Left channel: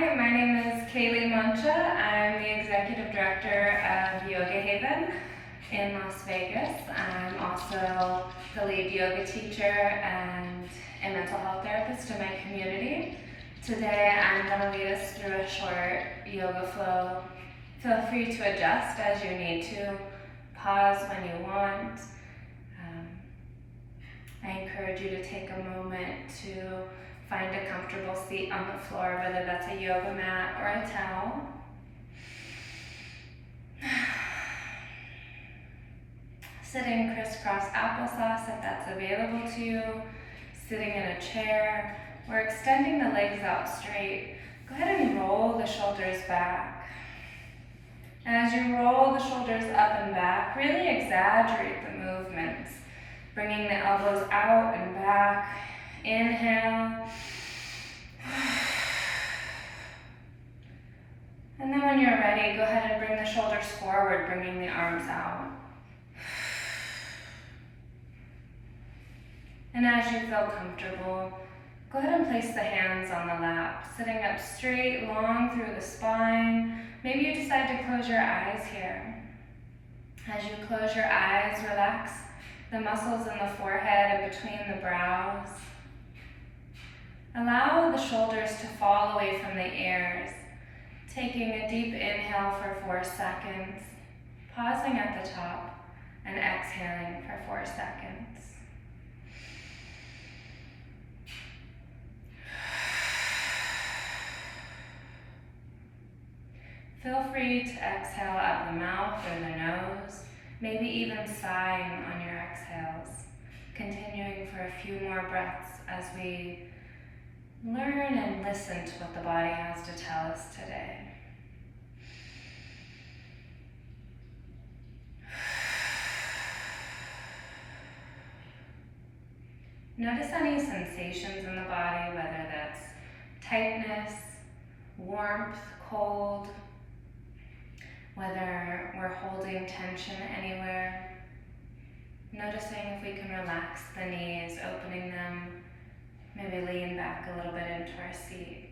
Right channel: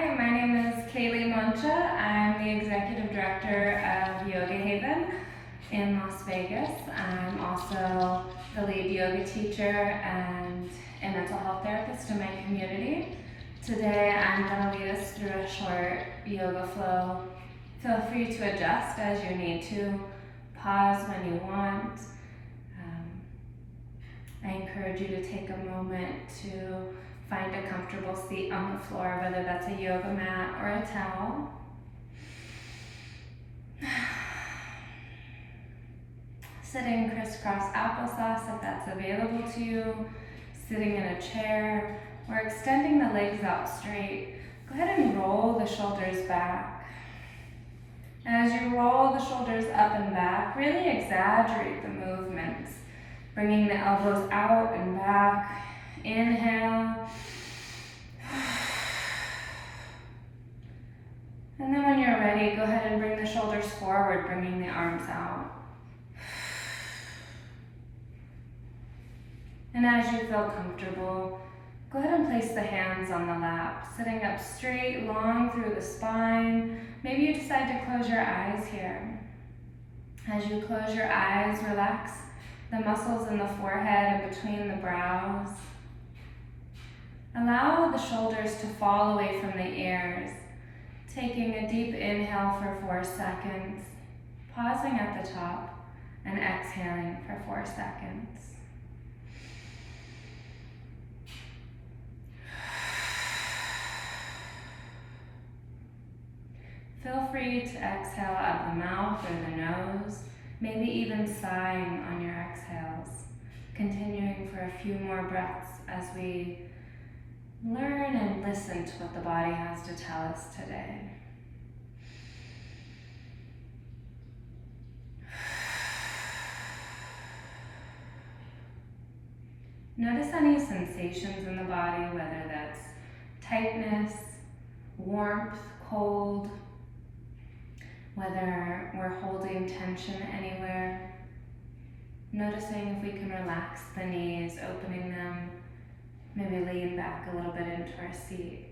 Hi, my name is Kaylee Mancha. I'm the Executive Director of Yoga Haven in Las Vegas. I'm also the lead yoga teacher and a mental health therapist in my community. Today I'm going to lead us through a short yoga flow. Feel free to adjust as you need to. Pause when you want. I encourage you to take a moment to find a comfortable seat on the floor, whether that's a yoga mat or a towel. Sitting crisscross applesauce if that's available to you. Sitting in a chair. We're extending the legs out straight. Go ahead and roll the shoulders back. As you roll the shoulders up and back, really exaggerate the movements. Bringing the elbows out and back. Inhale. And then when you're ready, go ahead and bring the shoulders forward, bringing the arms out. And as you feel comfortable, go ahead and place the hands on the lap, sitting up straight, long through the spine. Maybe you decide to close your eyes here. As you close your eyes, relax the muscles in the forehead and between the brows. Allow the shoulders to fall away from the ears. Taking a deep inhale for 4 seconds, pausing at the top, and exhaling for 4 seconds. Feel free to exhale out the mouth or the nose, maybe even sighing on your exhales. Continuing for a few more breaths as we learn and listen to what the body has to tell us today. Notice any sensations in the body, whether that's tightness, warmth, cold, whether we're holding tension anywhere. Noticing if we can relax the knees, opening them. Maybe lean back a little bit into our seat.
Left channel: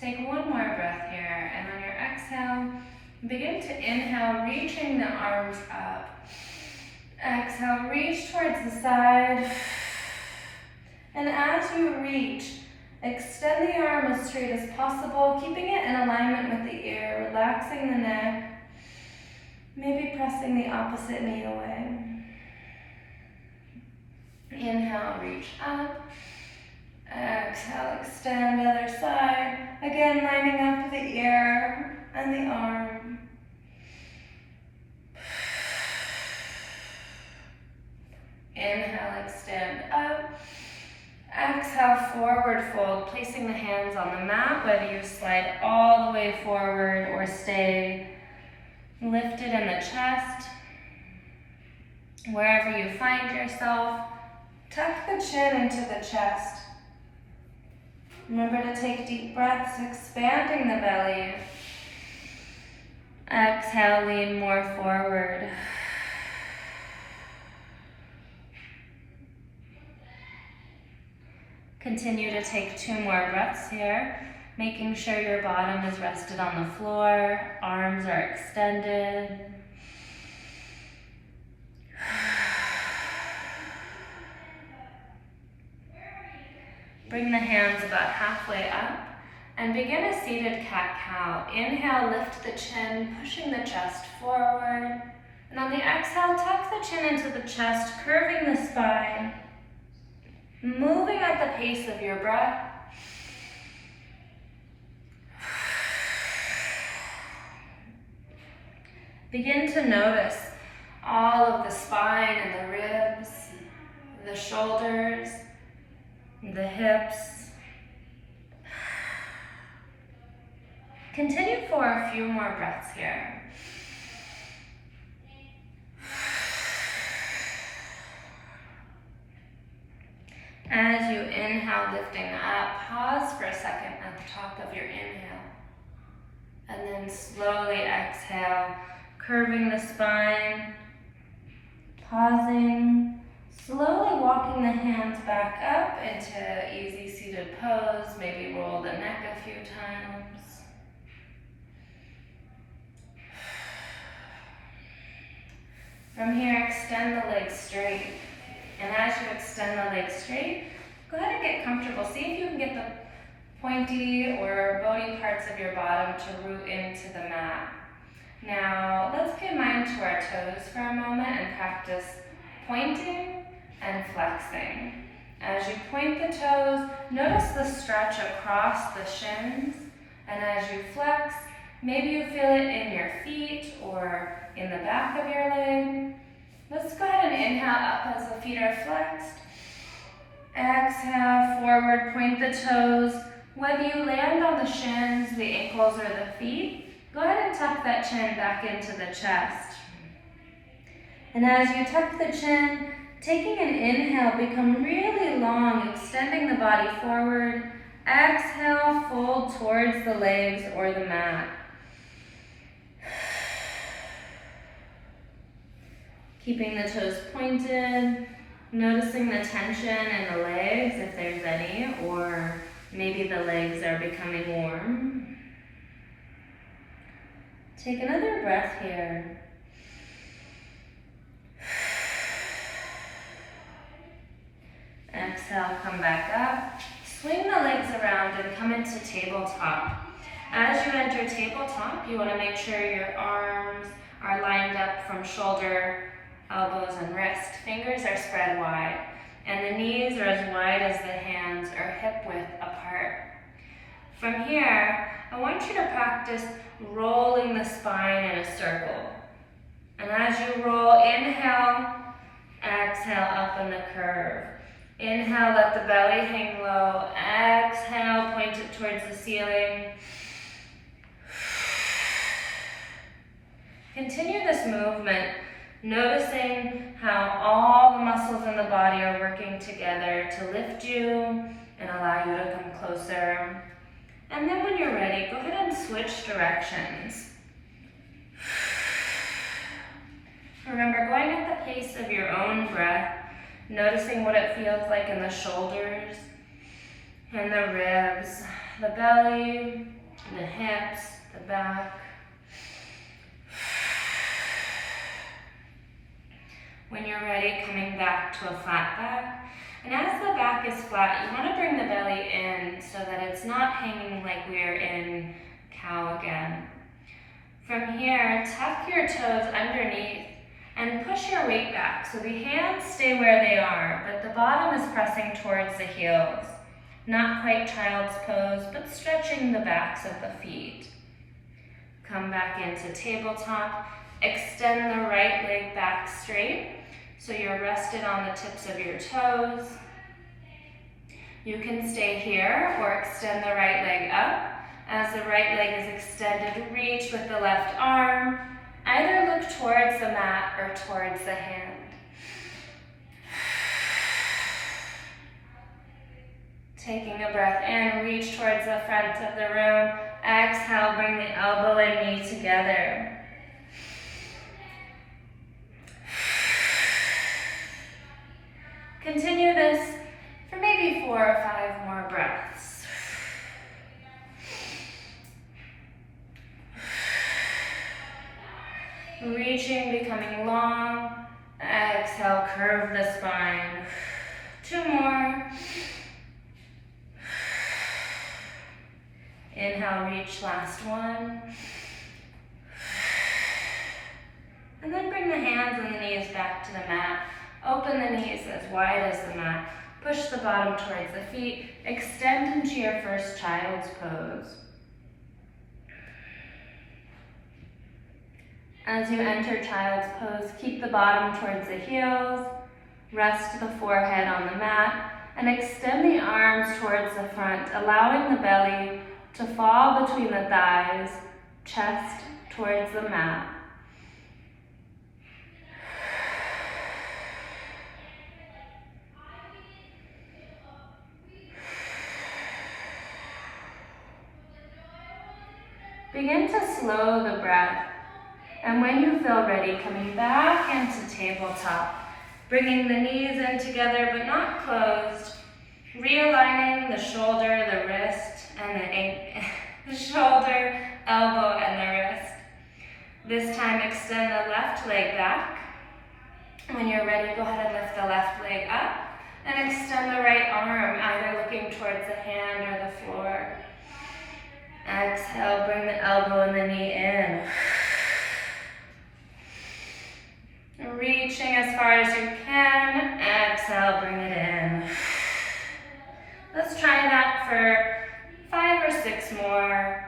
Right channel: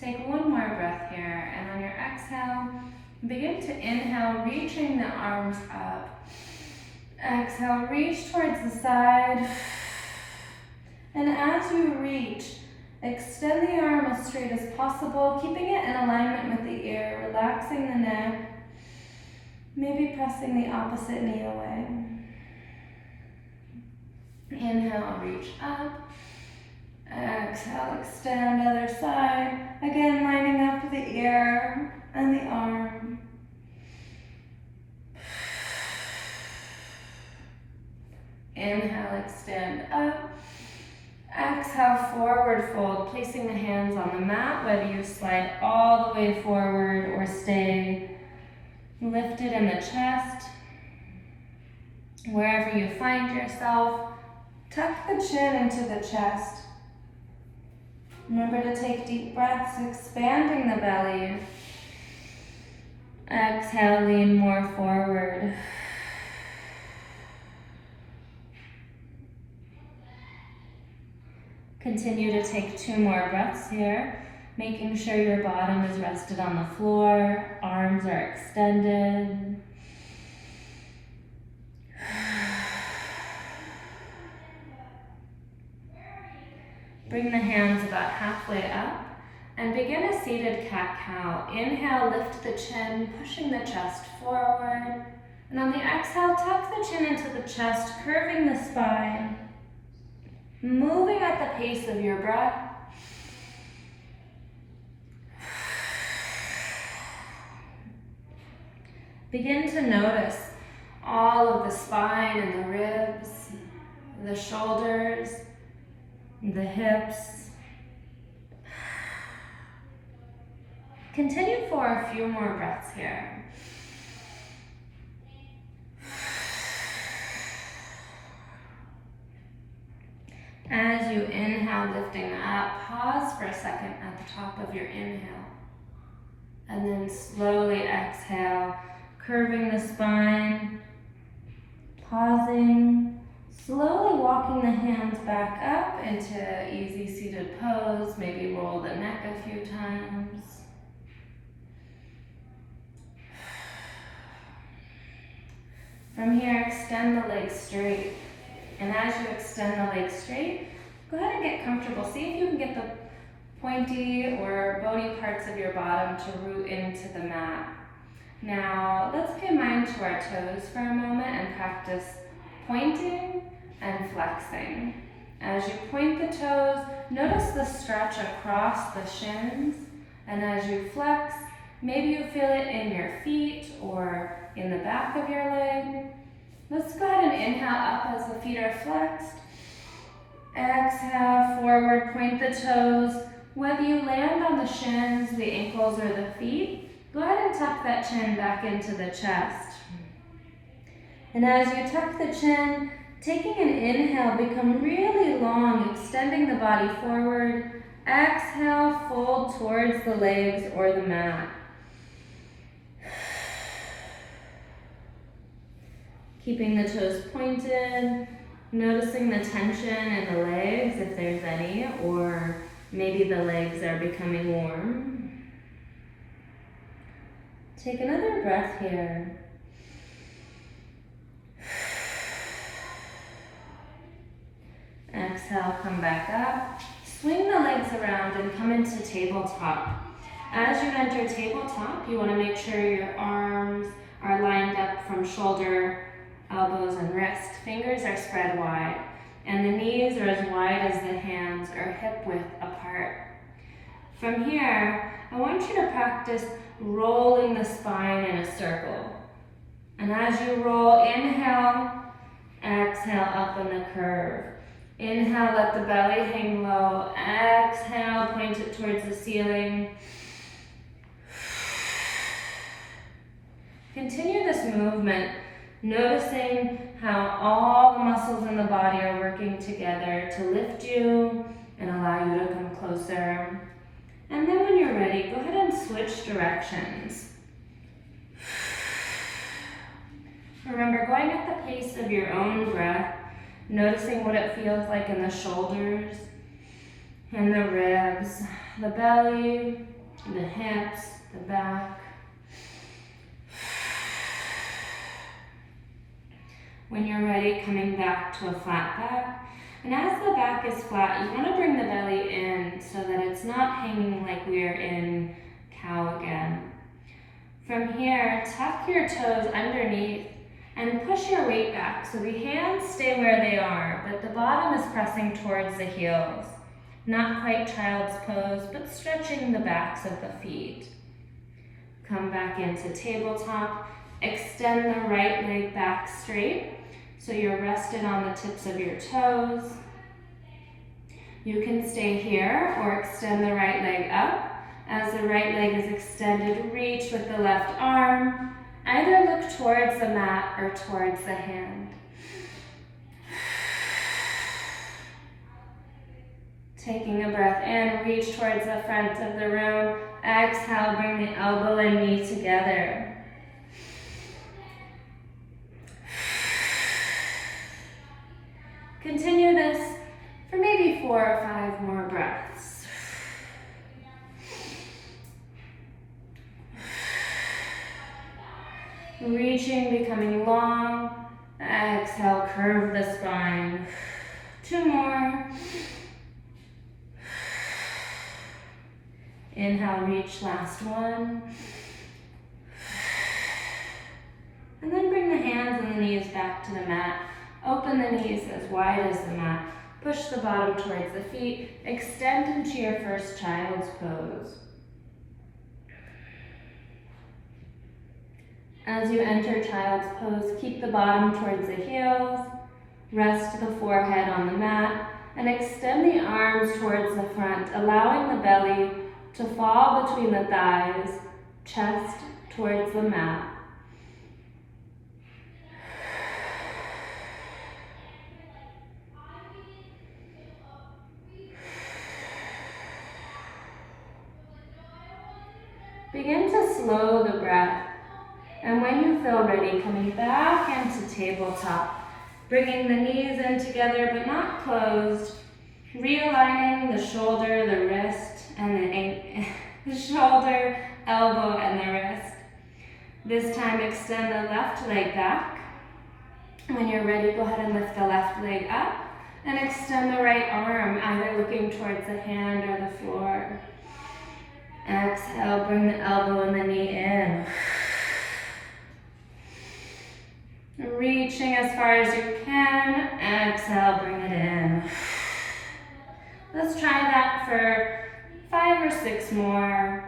Take one more breath here, and on your exhale, begin to inhale, reaching the arms up. Exhale, reach towards the side. And as you reach, extend the arm as straight as possible, keeping it in alignment with the ear, relaxing the neck. Maybe pressing the opposite knee away. Inhale, reach up. Exhale, extend other side. Again, lining up the ear and the arm. Inhale, extend up. Exhale, forward fold, placing the hands on the mat, whether you slide all the way forward or stay lifted in the chest. Wherever you find yourself, tuck the chin into the chest. Remember to take deep breaths, expanding the belly. Exhale, lean more forward. Continue to take 2 more breaths here. Making sure your bottom is rested on the floor, arms are extended. Bring the hands about halfway up and begin a seated cat-cow. Inhale, lift the chin, pushing the chest forward. And on the exhale, tuck the chin into the chest, curving the spine. Moving at the pace of your breath. Begin to notice all of the spine and the ribs, the shoulders, the hips. Continue for a few more breaths here. As you inhale, lifting up, pause for a second at the top of your inhale. And then slowly exhale, curving the spine, pausing, Slowly walking the hands back up into easy seated pose. Maybe roll the neck a few times. From here, extend the legs straight. And as you extend the legs straight, go ahead and get comfortable. See if you can get the pointy or bony parts of your bottom to root into the mat. Now, let's pay mind to our toes for a moment and practice pointing and flexing. As you point the toes, notice the stretch across the shins. And as you flex, maybe you feel it in your feet or in the back of your leg. Let's go ahead and inhale up as the feet are flexed. Exhale, forward, point the toes. Whether you land on the shins, the ankles, or the feet, go ahead and tuck that chin back into the chest. And as you tuck the chin, taking an inhale, become really long, extending the body forward. Exhale, fold towards the legs or the mat. Keeping the toes pointed, noticing the tension in the legs if there's any, or maybe the legs are becoming warm. Take another breath here. Exhale, come back up. Swing the legs around and come into tabletop. As you enter tabletop, you want to make sure your arms are lined up from shoulder, elbows, and wrist. Fingers are spread wide, and the knees are as wide as the hands or hip width apart. From here, I want you to practice rolling the spine in a circle. And as you roll, inhale, exhale up in the curve. Inhale, let the belly hang low. Exhale, point it towards the ceiling. Continue this movement, noticing how all the muscles in the body are working together to lift you and allow you to come closer. And then when you're ready, go ahead and switch directions. Remember, going at the pace of your own breath, noticing what it feels like in the shoulders and the ribs, the belly, the hips, the back. When you're ready, coming back to a flat back. And as the back is flat, you want to bring the belly in so that it's not hanging like we're in cow again. From here, tuck your toes underneath and push your weight back so the hands stay where they are, but the bottom is pressing towards the heels. Not quite child's pose, but stretching the backs of the feet. Come back into tabletop. Extend the right leg back straight so you're rested on the tips of your toes. You can stay here or extend the right leg up. As the right leg is extended, reach with the left arm. Either look towards the mat or towards the hand. Taking a breath in, reach towards the front of the room. Exhale, bring the elbow and knee together. Continue this for maybe 4 or 5 more breaths. Reaching, becoming long. Exhale, curve the spine. 2 more. Inhale, reach, last one. And then bring the hands and the knees back to the mat. Open the knees as wide as the mat. Push the bottom towards the feet. Extend into your first child's pose. As you enter child's pose, keep the bottom towards the heels. Rest the forehead on the mat and extend the arms towards the front, allowing the belly to fall between the thighs, chest towards the mat. Begin to slow the breath, and when you feel ready, coming back into tabletop. Bringing the knees in together but not closed. Realigning the shoulder, the wrist, and the shoulder, elbow, and the wrist. This time extend the left leg back. When you're ready, go ahead and lift the left leg up and extend the right arm, either looking towards the hand or the floor. Exhale, bring the elbow and the knee in. Reaching as far as you can. Exhale, bring it in. Let's try that for 5 or 6 more.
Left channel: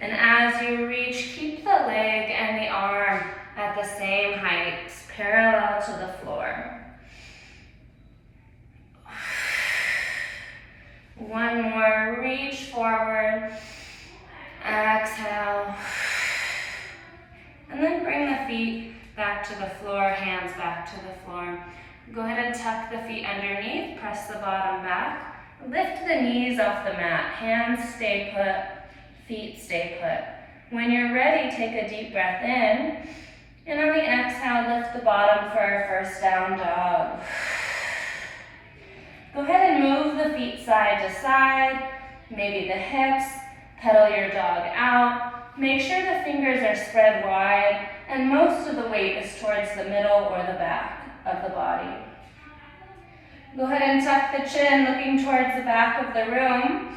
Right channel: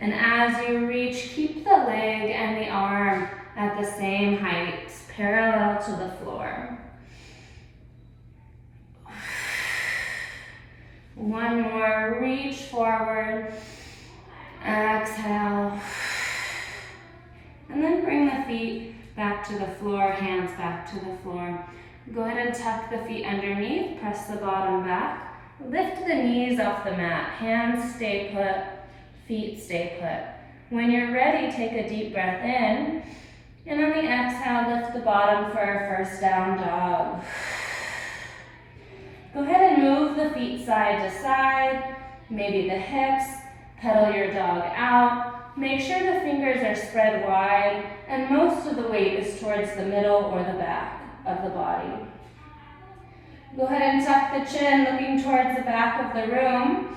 And as you reach, keep the leg and the arm at the same height, parallel to the floor. One more, reach forward, exhale, and then bring the feet back to the floor, hands back to the floor. Go ahead and tuck the feet underneath, press the bottom back, lift the knees off the mat, hands stay put, feet stay put. When you're ready, take a deep breath in, and on the exhale, lift the bottom for our first down dog. Go ahead and move the feet side to side, maybe the hips, pedal your dog out. Make sure the fingers are spread wide, and most of the weight is towards the middle or the back of the body. Go ahead and tuck the chin, looking towards the back of the room.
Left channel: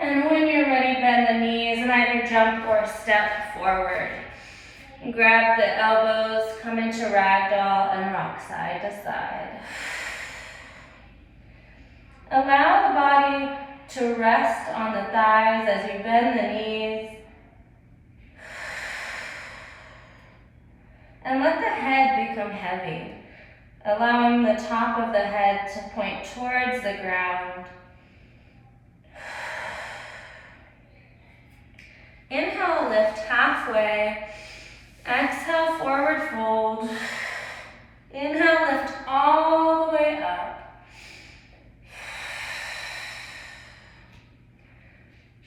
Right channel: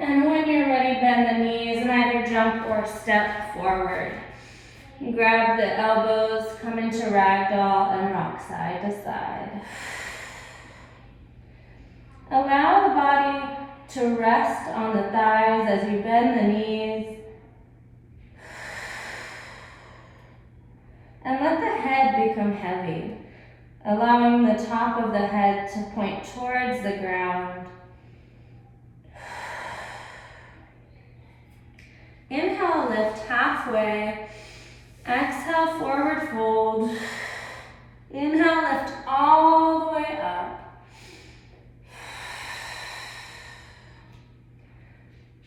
And when you're ready, bend the knees and either jump or step forward. Grab the elbows, come into ragdoll and rock side to side. Allow the body to rest on the thighs as you bend the knees. And let the head become heavy, allowing the top of the head to point towards the ground. Inhale, lift halfway. Exhale, forward fold. Inhale, lift all the way up.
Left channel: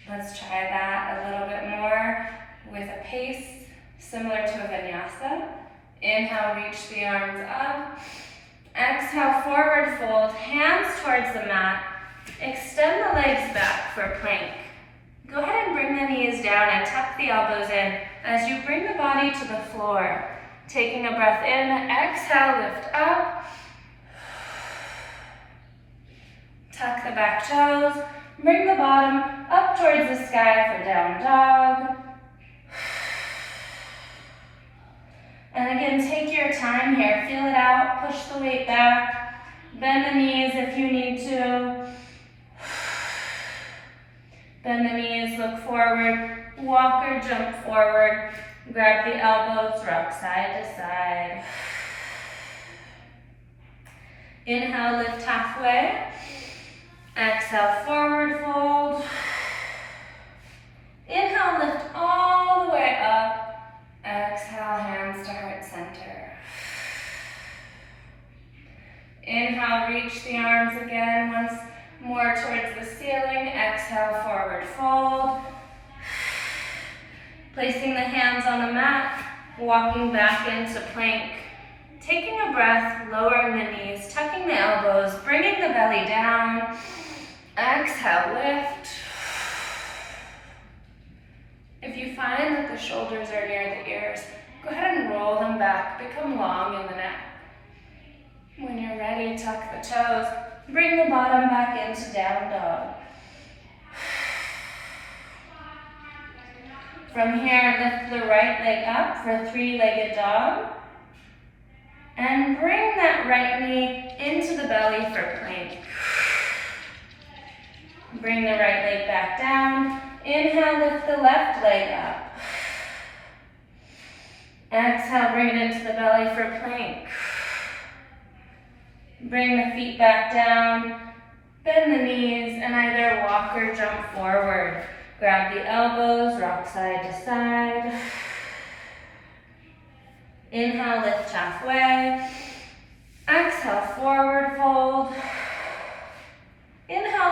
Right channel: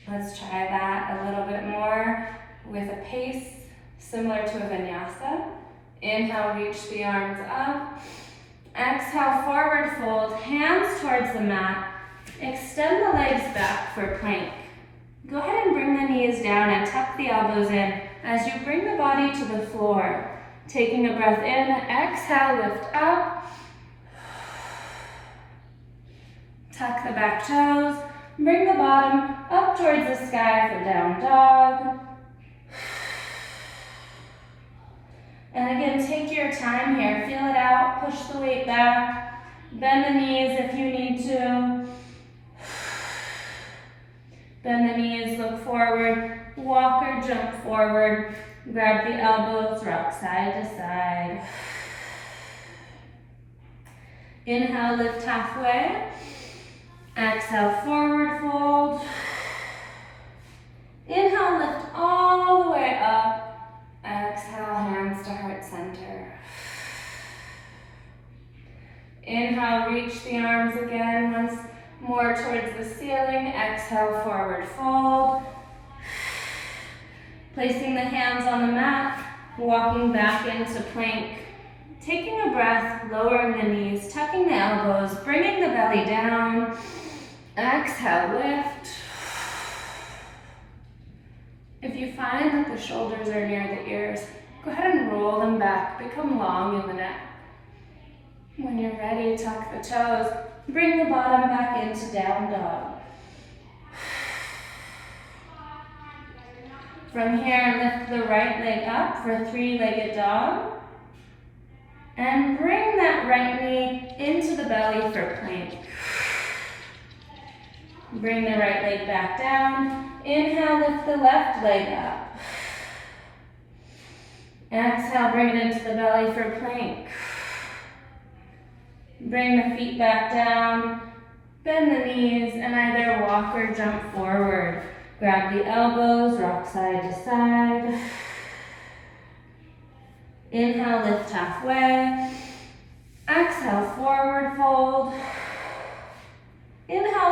Let's try that a little bit more with a pace similar to a vinyasa. Inhale, reach the arms up. Exhale, forward fold, hands towards the mat. Extend the legs back for plank. Go ahead and bring the knees down and tuck the elbows in as you bring the body to the floor. Taking a breath in, exhale, lift up. Tuck the back toes. Bring the bottom up towards the sky for down dog. And again, take your time here. Feel it out, push the weight back. Bend the knees if you need to. Bend the knees, look forward, walk or jump forward. Grab the elbows, rock side to side. Inhale, lift halfway. Exhale, forward fold. Inhale, lift all the way up. Exhale, hands to heart center. Inhale, reach the arms again once more towards the ceiling. Exhale, forward fold. Placing the hands on the mat, walking back into plank. Taking a breath, lowering the knees, tucking the elbows, bringing the belly down. Exhale, lift. If you find that the shoulders are near the ears, go ahead and roll them back, become long in the neck. When you're ready, tuck the toes, bring the bottom back into down dog. From here, lift the right leg up for three-legged dog. And bring that right knee into the belly for plank. Bring the right leg back down. Inhale, lift the left leg up. Exhale, bring it into the belly for plank. Bring the feet back down. Bend the knees and either walk or jump forward. Grab the elbows, rock side to side. Inhale, lift halfway. Exhale, forward fold. Inhale,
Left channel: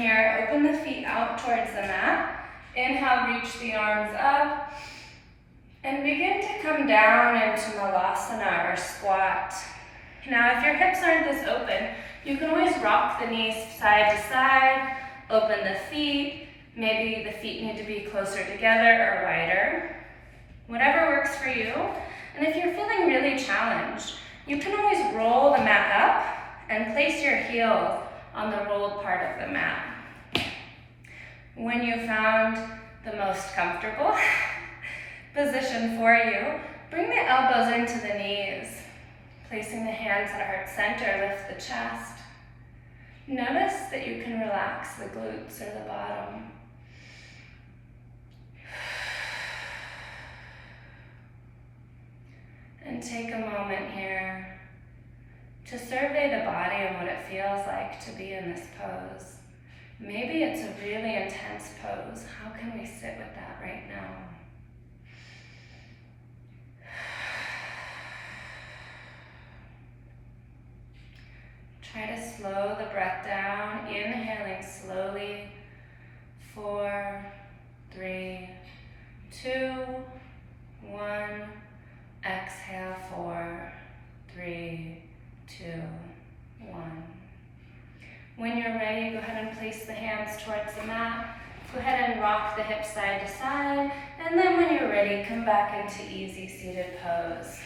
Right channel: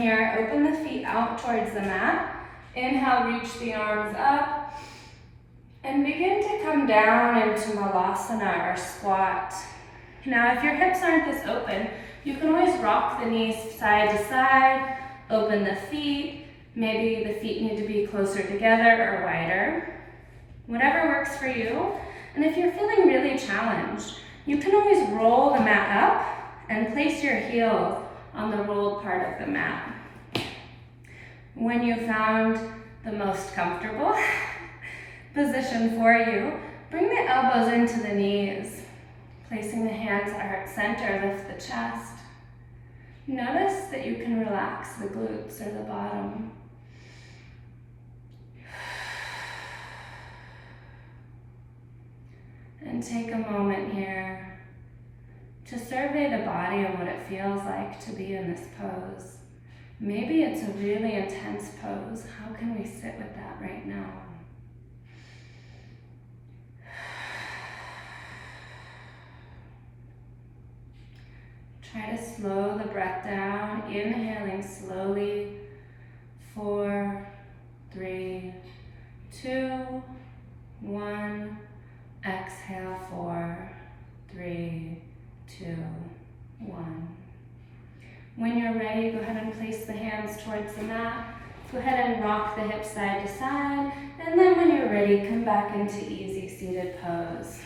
here, open the feet out towards the mat. Inhale, reach the arms up. And begin to come down into Malasana or squat. Now, if your hips aren't this open, you can always rock the knees side to side, open the feet. Maybe the feet need to be closer together or wider. Whatever works for you. And if you're feeling really challenged, you can always roll the mat up and place your heels on the rolled part of the mat. When you found the most comfortable position for you, bring the elbows into the knees. Placing the hands at heart center, lift the chest. Notice that you can relax the glutes or the bottom. And take a moment here to survey the body and what it feels like to be in this pose. Maybe it's a really intense pose. How can we sit with that right now? Try to slow the breath down, inhaling slowly. 4, 3, 2, 1. Exhale, 4, 3, 2, 1. When you're ready, go ahead and place the hands towards the mat. Go ahead and rock the hips side to side. And then when you're ready, come back into easy seated pose.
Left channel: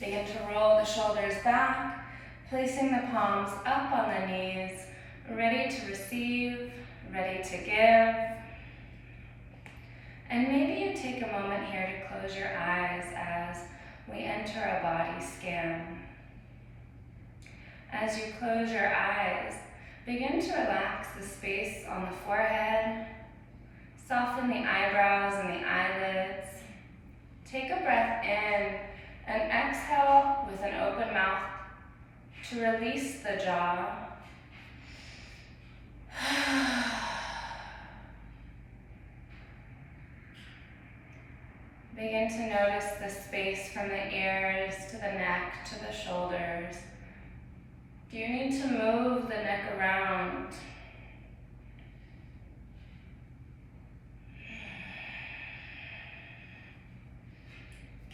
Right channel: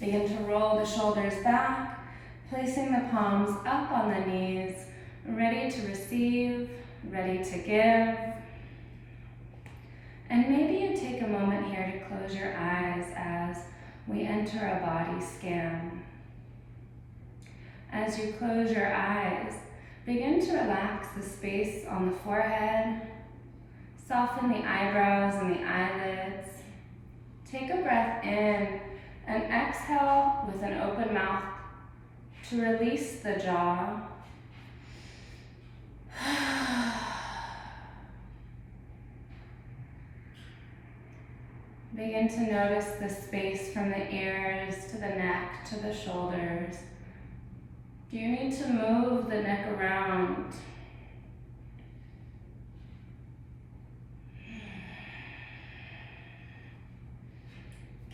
Begin to roll the shoulders back, placing the palms up on the knees, ready to receive, ready to give. And maybe you take a moment here to close your eyes as we enter a body scan. As you close your eyes, begin to relax the space on the forehead, soften the eyebrows and the eyelids. Take a breath in and exhale with an open mouth to release the jaw. Begin to notice the space from the ears to the neck to the shoulders. Do you need to move the neck around?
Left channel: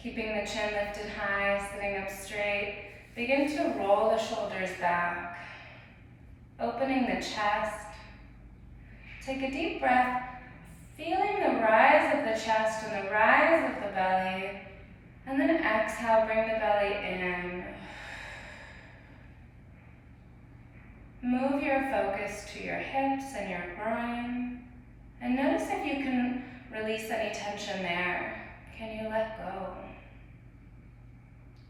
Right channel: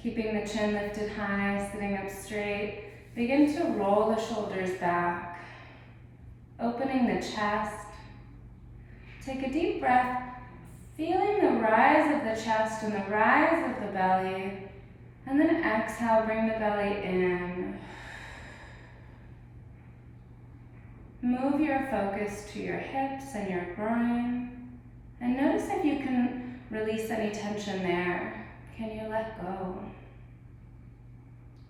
Keeping the chin lifted high, sitting up straight. Begin to roll the shoulders back, opening the chest. Take a deep breath, feeling the rise of the chest and the rise of the belly. And then exhale, bring the belly in. Move your focus to your hips and your groin. And notice if you can release any tension there. Can you let go?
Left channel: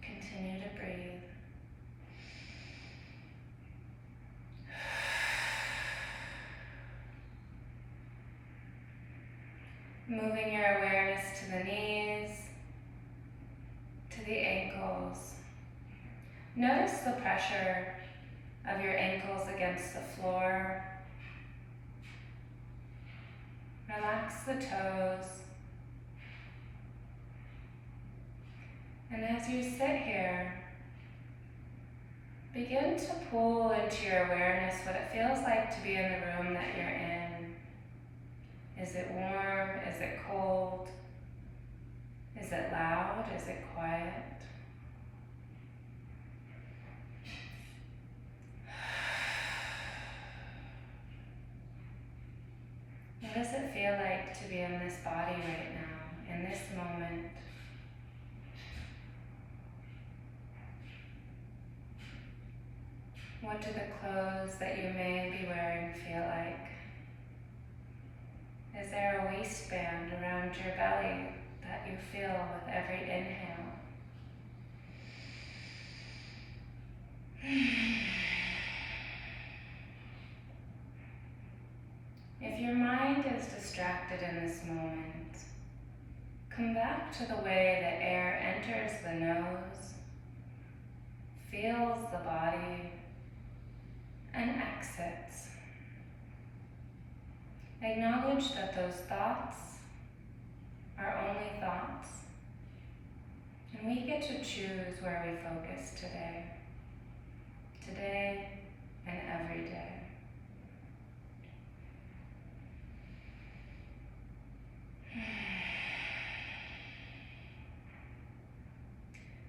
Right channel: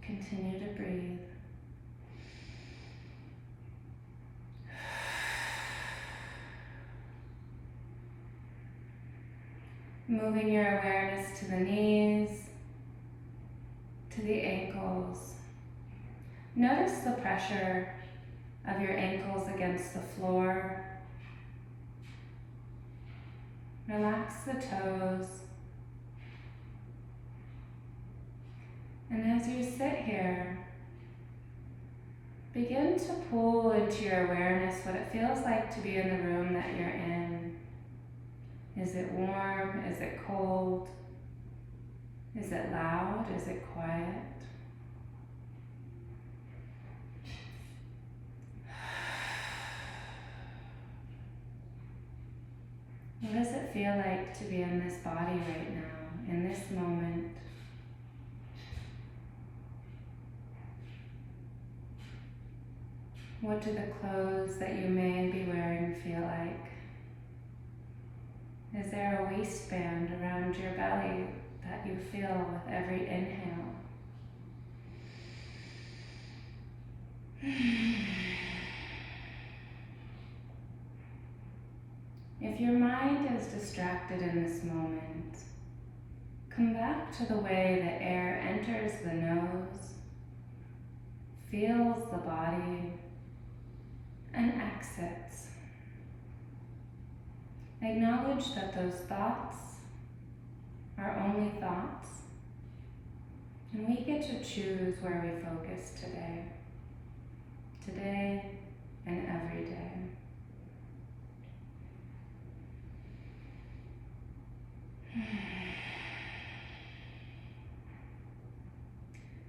Continue to breathe. Moving your awareness to the knees, to the ankles. Notice the pressure of your ankles against the floor. Relax the toes. And as you sit here, begin to pull into your awareness what it feels like to be in the room that you're in. Is it warm? Is it cold? Is it loud? Is it quiet? What does it feel like to be in this body right now, in this moment? What do the clothes that you may be wearing feel like? Is there a waistband around your belly that you feel with every inhale? If your mind is distracted in this moment, come back to the way the air enters the nose, feels the body, and exits. Acknowledge that those thoughts are only thoughts, and we get to choose where we focus today and every day.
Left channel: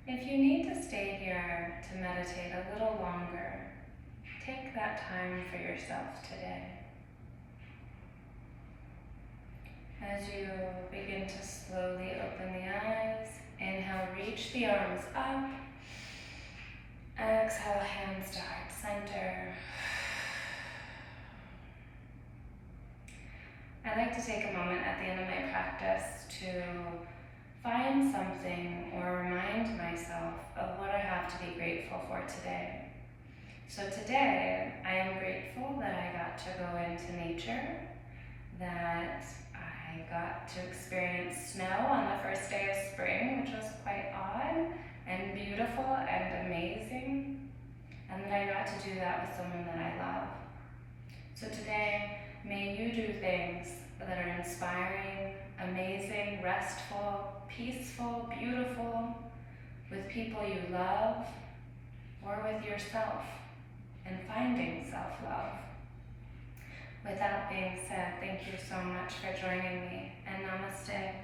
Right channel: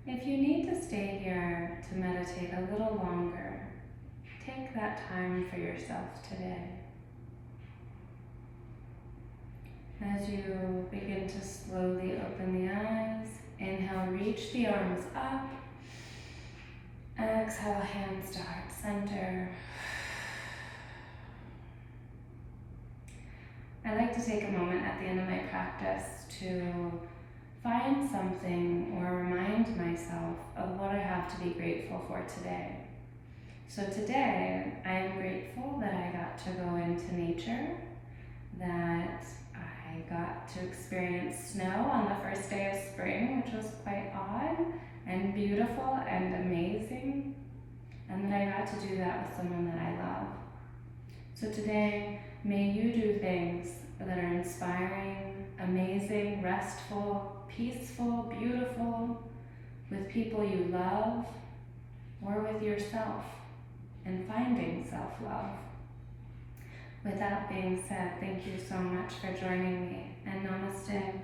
If you need to stay here to meditate a little longer, take that time for yourself today. As you begin to slowly open the eyes, inhale, reach the arms up. Exhale, hands to heart center. I like to take a moment at the end of my practice to find something or remind myself of what I have to be grateful for today. So today, I am grateful that I got to go into nature, that I got to experience snow on the first day of spring, which was quite odd and beautiful and amazing, and that I got to do that with someone that I love. So today, may you do things that are inspiring, amazing, restful, peaceful, beautiful, with people you love, or with yourself, and finding self-love. With that being said, thank you so much for joining me, and namaste.